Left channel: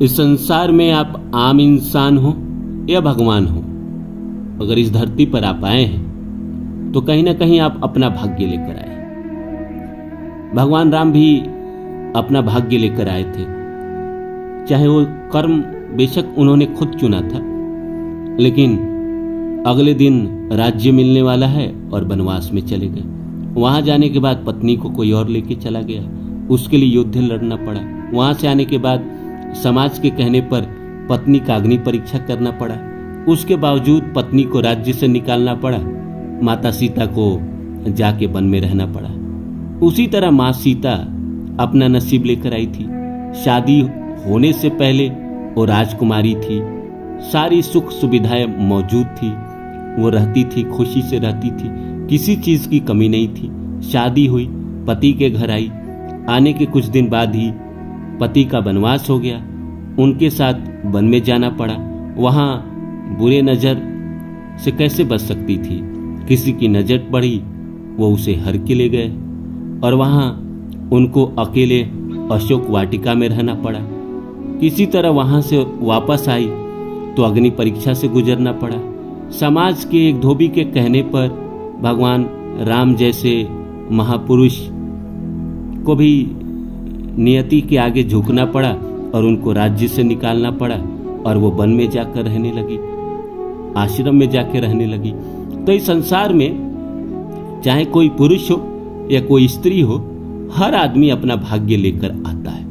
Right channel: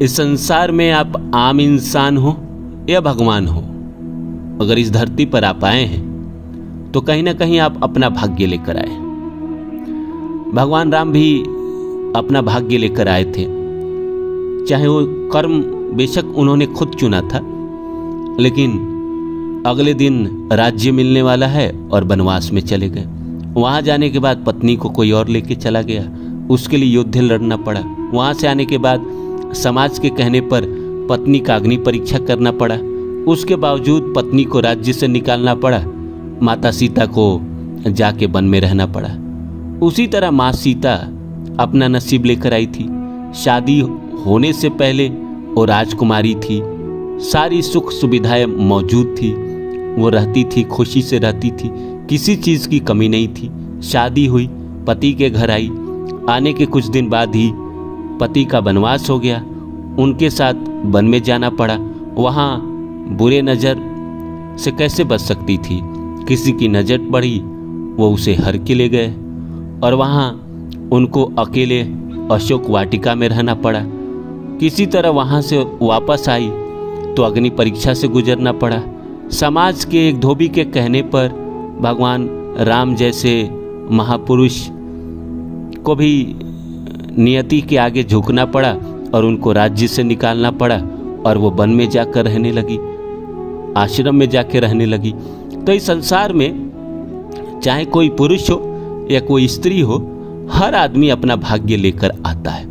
इस संसार में आप आम इंसान हो या भगवान हो, अगर इस धरती पर आप आए हैं तो कहीं ना कहीं आप अपना भाग्य लेकर आए। भगवान राम भी अपना भाग्य लेकर आए थे, चाहे वो कर्म बेशक उन्होंने खुद चुना था, लेकिन अगले दिन राज्य मिलने वाला है और वनवास में चले गए। वहां जाने के बाद पत्नी को कोई और लेके चला गया, उसके लिए युद्ध लड़ना पड़ा। वहां से आने के बाद समाज के कहने पर पत्नी का अग्नि परीक्षा करना पड़ा, उसके बावजूद पत्नी को राज्य से निकालना पड़ा। माता सीता को जाके वन में रहना पड़ा। उसी तरह माँ सीता अपना नसीब लेकर आई थी। शादी होने से पहले वो राजकुमारी थी, सारी सुख सुविधाएं मौजूद थी, वो रहती थी, खुशी से रहती थी, किसी चीज की कमी नहीं थी। शादी हुई, पति के घर आई, आने के कुछ दिन बाद ही पति का वनवास हो गया, उनके साथ वन में जाना पड़ा। वहां बुरे नजर से कैसे बच सकती थी, किसी की नजर पड़ी, वो उसे हर के ले गए और वहां उनको अकेले अशोक वाटिका में रहना पड़ा। किसी तरह वहां से वापस आई तो अग्नि परीक्षा से गुजरना पड़ा। समाज के एक धोबी के कहने पर भगवान राम जैसे महापुरुष को भी नियति के आगे झुकना पड़ा और उनको राज्य से निकालना पड़ा और वो वन में जाकर रहने लगी, आश्रम में जाकर रहने लगी। तो इस संसार में चाहे कोई पुरुष हो या कोई स्त्री हो, हर आदमी अपना भाग्य लेकर आता है।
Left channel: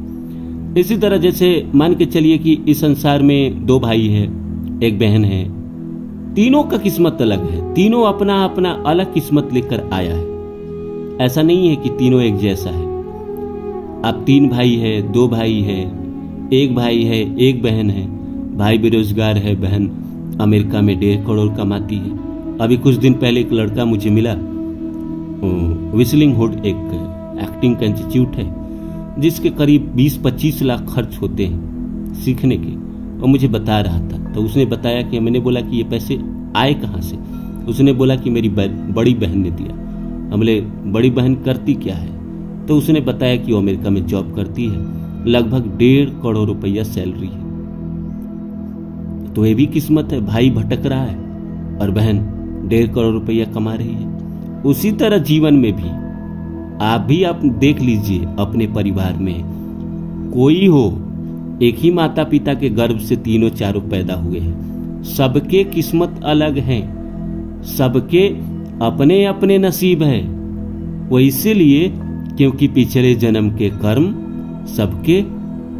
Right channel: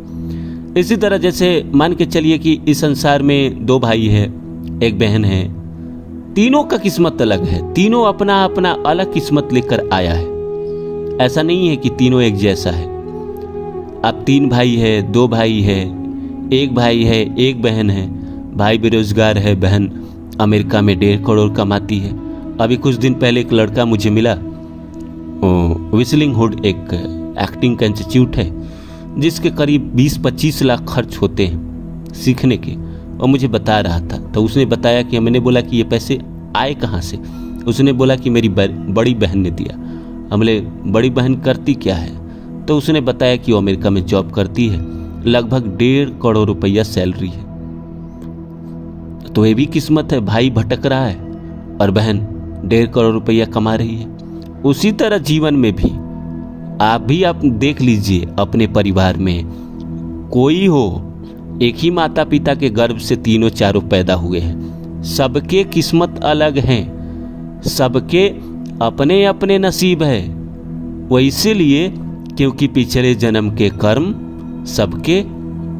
इसी तरह जैसे मान के चलिए कि इस संसार में 2 भाई है, एक बहन है, तीनों का किस्मत अलग है, तीनों अपना अपना अलग किस्मत लेकर आया है। ऐसा नहीं है कि तीनों एक जैसा है। अब 3 भाई है, 2 भाई है, 1 भाई है, 1 बहन है। भाई बेरोजगार है, बहन अमेरिका में 1.5 करोड़ कमाती है। अभी कुछ दिन पहले एक लड़का मुझे मिला, विस्लिंग हुड एक एक्टिंग का इंस्टीट्यूट है जिसके करीब 20-25 लाख खर्च होते हैं सीखने के, और मुझे बता रहा था। तो उसने बताया कि मैंने बोला कि ये पैसे आए कहाँ से? उसने बोला कि मेरी बड़ी बहन ने दिया। हमने बड़ी बहन करती क्या है? तो उसने बताया कि वो अमेरिका में जॉब करती है, लगभग 1.5 करोड़ रुपया सैलरी है। तो ये भी किस्मत है, भाई भटक रहा है और बहन 1.5 करोड़ रुपया कमा रही है। उसी तरह जीवन में भी आप देख लीजिए, अपने परिवार में कोई हो, एक ही माता पिता के गर्भ से तीनों चारों पैदा हुए हैं, सबके किस्मत अलग हैं, सबके अपने अपने नसीब है। वो इसीलिए क्योंकि पिछले जन्म के कर्म सबके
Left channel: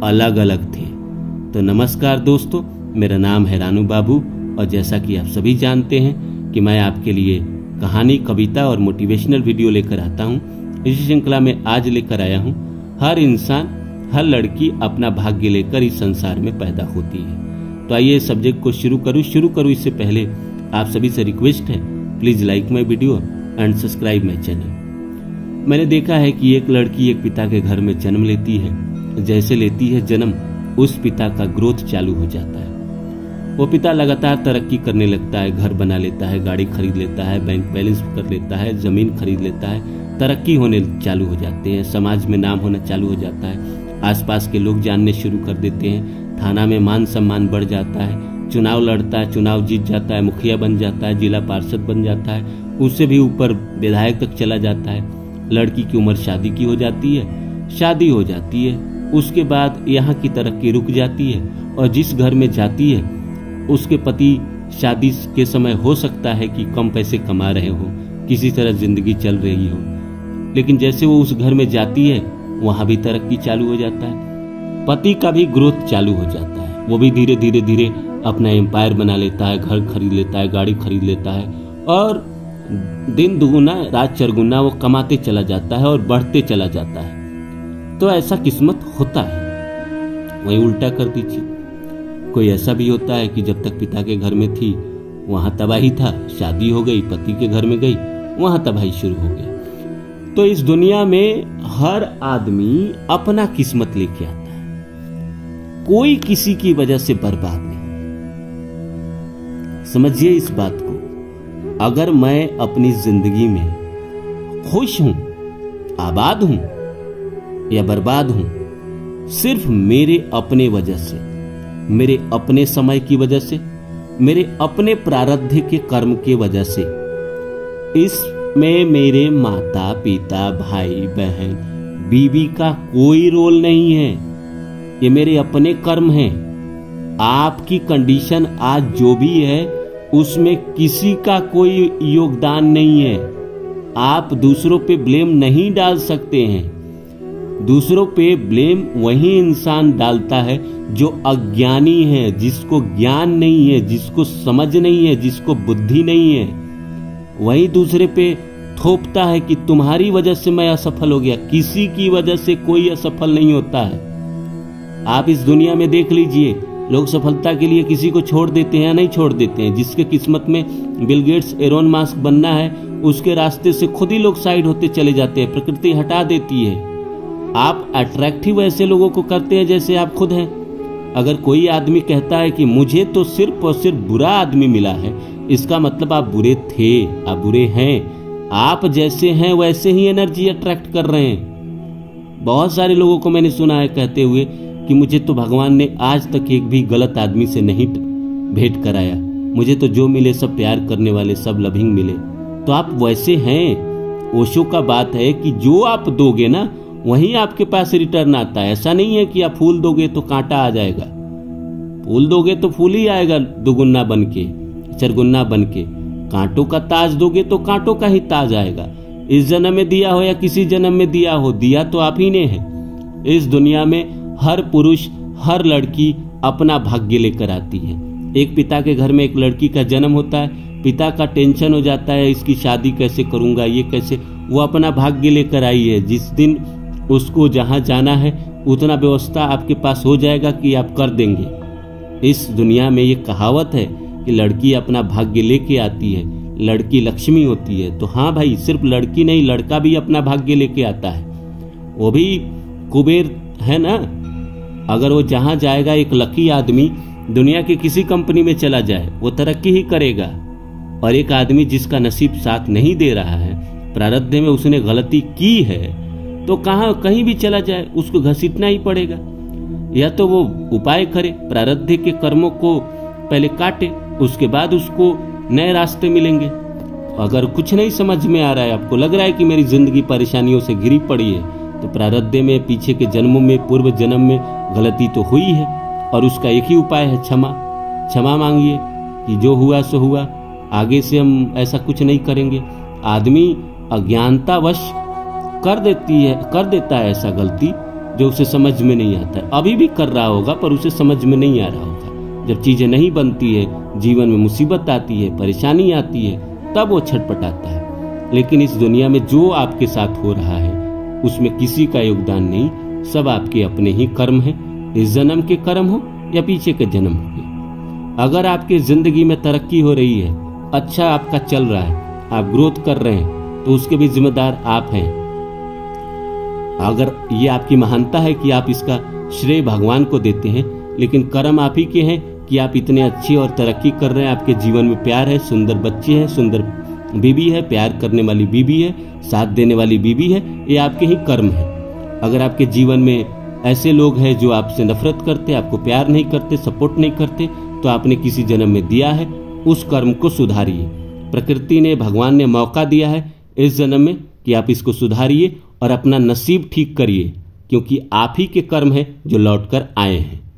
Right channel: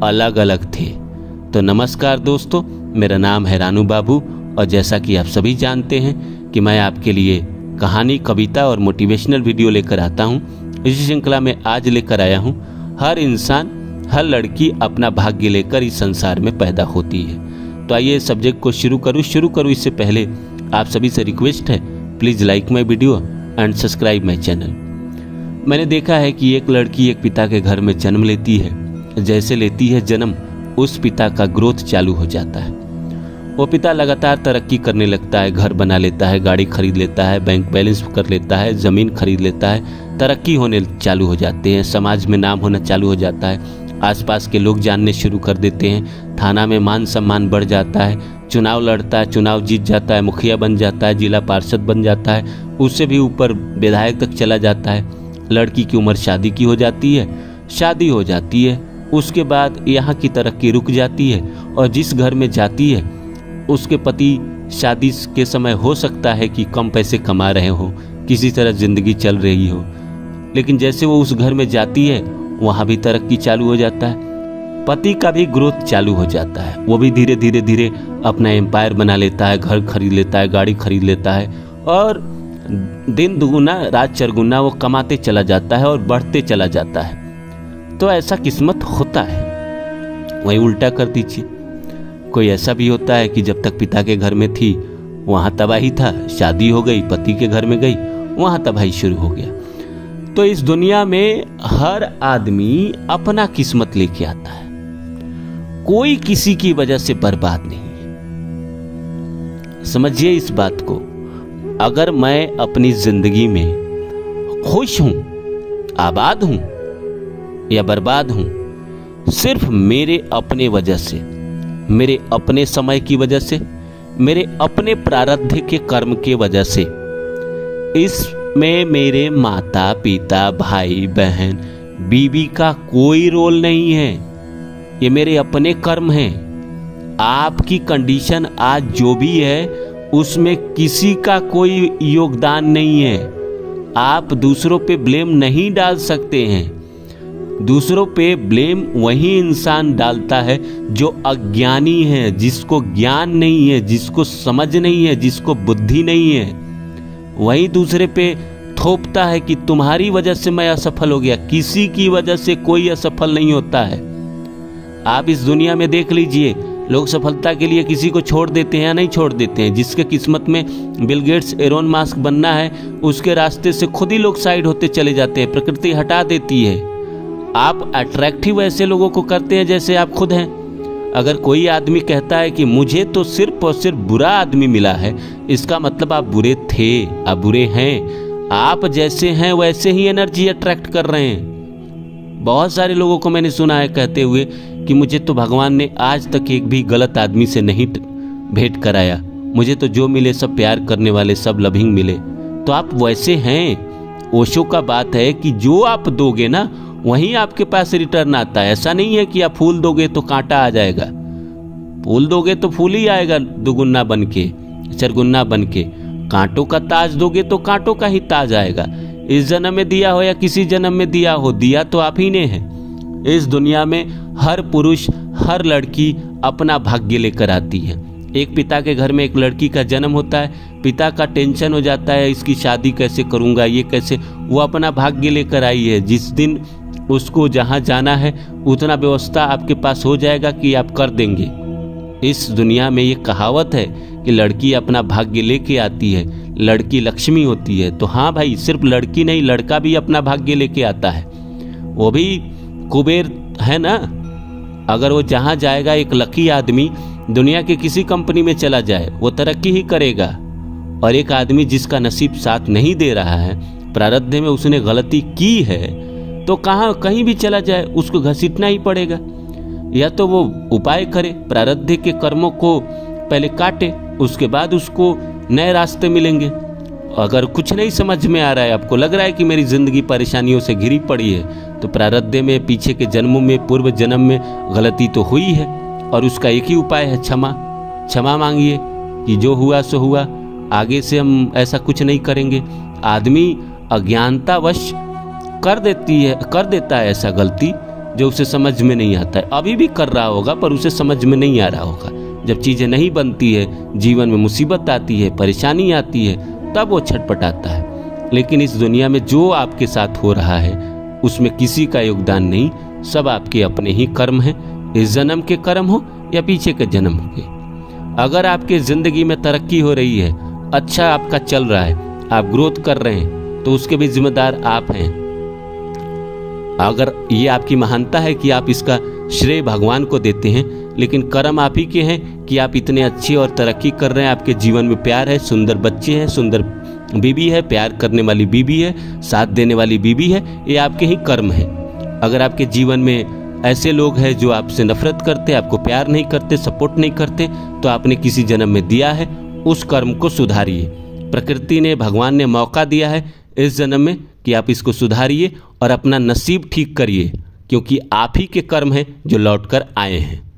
अलग अलग थे। तो नमस्कार दोस्तों, मेरा नाम है रानू बाबू और जैसा कि आप सभी जानते हैं कि मैं आपके लिए कहानी, कविता और मोटिवेशनल वीडियो लेकर आता हूं। इसी श्रृंखला में आज लेकर आया हूं, हर इंसान, हर लड़की अपना भाग्य लेकर इस संसार में पैदा होती है। तो आइए सब्जेक्ट को शुरू करूं। इससे पहले आप सभी से रिक्वेस्ट है, please like my video and subscribe my channel. मैंने देखा है कि एक लड़की एक पिता के घर में जन्म लेती है, जैसे लेती है जन्म, उस पिता का ग्रोथ चालू हो जाता है। वो पिता लगातार तरक्की करने लगता है, घर बना लेता है, गाड़ी खरीद लेता है, बैंक बैलेंस कर लेता है, जमीन खरीद लेता है, तरक्की होने चालू हो जाते हैं, समाज में नाम होना चालू हो जाता है, आसपास के लोग जानने शुरू कर देते हैं, थाना में मान सम्मान बढ़ जाता है, चुनाव लड़ता है, चुनाव जीत जाता है, मुखिया बन जाता है, जिला पार्षद बन जाता है, उससे भी ऊपर विधायक तक चला जाता है। लड़की की उम्र शादी की हो जाती है, शादी हो जाती है, उसके बाद यहाँ की तरक्की रुक जाती है और जिस घर में जाती है उसके पति शादी के समय हो सकता है कि कम पैसे कमा रहे हो, किसी तरह जिंदगी चल रही हो, लेकिन जैसे वो उस घर में जाती है वहां भी तरक्की चालू हो जाता है, पति का भी ग्रोथ चालू हो जाता है, वो भी धीरे धीरे धीरे अपना एम्पायर बना लेता है, घर खरीद लेता है, गाड़ी खरीद लेता है और दिन दुगुना रात चरगुना वो कमाते चला जाता है और बढ़ते चला जाता है। तो ऐसा किस्मत होता है। वही उल्टा कर दीजिए, कोई ऐसा भी होता है कि जब तक पिता के घर में थी वहां तबाही था, शादी हो गई, पति के घर में गई, वहां तबाही शुरू हो गया। तो इस दुनिया में हर आदमी अपना किस्मत लेके आता है, कोई किसी की वजह से बर्बाद नहीं। समझिए इस बात को, अगर मैं अपनी जिंदगी में खुश हूं, आबाद हूं या बर्बाद हूं, सिर्फ मेरे अपने वजह से, मेरे अपने समय की वजह से, मेरे अपने प्रारब्ध के कर्म की वजह से। इसमें मेरे माता पिता, भाई बहन, बीवी का कोई रोल नहीं है। ये मेरे अपने कर्म हैं। आपकी कंडीशन आज जो भी है उसमें किसी का कोई योगदान नहीं है। आप दूसरों पे ब्लेम नहीं डाल सकते हैं। दूसरों पे ब्लेम वही इंसान डालता है जो अज्ञानी है, जिसको ज्ञान नहीं है, जिसको समझ नहीं है, जिसको बुद्धि नहीं है। वही दूसरे पे थोपता है कि तुम्हारी वजह से मैं असफल हो गया। किसी की वजह से कोई असफल नहीं होता है। आप इस दुनिया में देख लीजिए, लोग सफलता के लिए किसी को छोड़ देते हैं या नहीं छोड़ देते हैं। जिसके किस्मत में बिल गेट्स, एलोन मस्क बनना है, उसके रास्ते से खुद ही लोग साइड होते चले जाते हैं। प्रकृति हटा देती है। आप अट्रैक्टिव ऐसे लोगों को करते हैं जैसे आप खुद हैं। अगर कोई आदमी कहता है कि मुझे तो सिर्फ और सिर्फ बुरा आदमी मिला है, इसका मतलब आप बुरे थे, आप बुरे हैं। आप जैसे हैं वैसे ही एनर्जी अट्रैक्ट कर रहे हैं। बहुत सारे लोगों को मैंने सुना है कहते हुए कि मुझे तो भगवान ने आज तक एक भी गलत आदमी से नहीं भेंट कराया, मुझे तो जो मिले सब प्यार करने वाले, सब लविंग मिले। तो आप वैसे हैं। ओशो का बात है कि जो आप दोगे ना वहीं आपके पास रिटर्न आता है। ऐसा नहीं है कि आप फूल दोगे तो कांटा आ जाएगा। फूल दोगे तो फूल ही आएगा दुगुना बन के, चरगुना बन के। कांटों का ताज दोगे तो कांटों का ही ताज आएगा। इस जन्म में दिया हो या किसी जन्म में दिया हो, दिया तो आप ही ने है। इस दुनिया में हर पुरुष, हर लड़की अपना भाग्य लेकर आती है। एक पिता के घर में एक लड़की का जन्म होता है, पिता का टेंशन हो जाता है, इसकी शादी कैसे करूंगा, ये कैसे। वो अपना भाग्य लेकर आई है। जिस दिन उसको जहां जाना है उतना व्यवस्था आपके पास हो जाएगा कि आप कर देंगे। इस दुनिया में ये कहावत है कि लड़की अपना भाग्य लेके आती है, लड़की लक्ष्मी होती है। तो हाँ भाई, सिर्फ लड़की नहीं, लड़का भी अपना भाग्य लेके आता है। वो भी कुबेर है ना। अगर वो जहां जाएगा, एक लकी आदमी दुनिया के किसी कंपनी में चला जाए, वो तरक्की ही करेगा। और एक आदमी जिसका नसीब साथ नहीं दे रहा है, प्रारब्ध में उसने गलती की है, तो कहीं भी चला जाए उसको घसीटना ही पड़ेगा। या तो वो उपाय करे, प्रारब्ध के कर्मों को पहले काटे, उसके बाद उसको नए रास्ते मिलेंगे। अगर कुछ नहीं समझ में आ रहा है, आपको लग रहा है कि मेरी जिंदगी परेशानियों से घिरी पड़ी है, तो प्रारब्ध में पीछे के जन्मों में, पूर्व जन्म में गलती तो हुई है और उसका एक ही उपाय है, क्षमा मांगिए कि जो हुआ सो हुआ, आगे से हम ऐसा कुछ नहीं करेंगे। आदमी अज्ञानतावश कर देता है ऐसा गलती जो उसे समझ में नहीं आता है। अभी भी कर रहा होगा पर उसे समझ में नहीं आ रहा होगा। जब चीजें नहीं बनती है, जीवन में मुसीबत आती है, परेशानी आती है, तब वो छटपटाता है। लेकिन इस दुनिया में जो आपके साथ हो रहा है उसमें किसी का योगदान नहीं, सब आपके अपने ही कर्म हैं। इस जन्म के कर्म हो या पीछे के जन्म के। अगर आपके जिंदगी में तरक्की हो रही है, अच्छा आपका चल रहा है, आप ग्रोथ कर रहे हैं, तो उसके भी जिम्मेदार आप हैं। अगर ये आपकी महानता है कि आप इसका श्रेय भगवान को देते हैं, लेकिन कर्म आप ही के हैं कि आप इतने अच्छे और तरक्की कर रहे हैं। आपके जीवन में प्यार है, सुंदर बच्चे हैं, सुंदर बीबी है, प्यार करने वाली बीबी है, साथ देने वाली बीबी है, ये आपके ही कर्म है। अगर आपके जीवन में ऐसे लोग हैं जो आपसे नफरत करते, आपको प्यार नहीं करते, सपोर्ट नहीं करते, तो आपने किसी जन्म में दिया है, उस कर्म को सुधारिए। प्रकृति ने, भगवान ने मौका दिया है इस जन्म में कि आप इसको सुधारिए और अपना नसीब ठीक करिए, क्योंकि आप ही के कर्म हैं जो लौट कर आए हैं।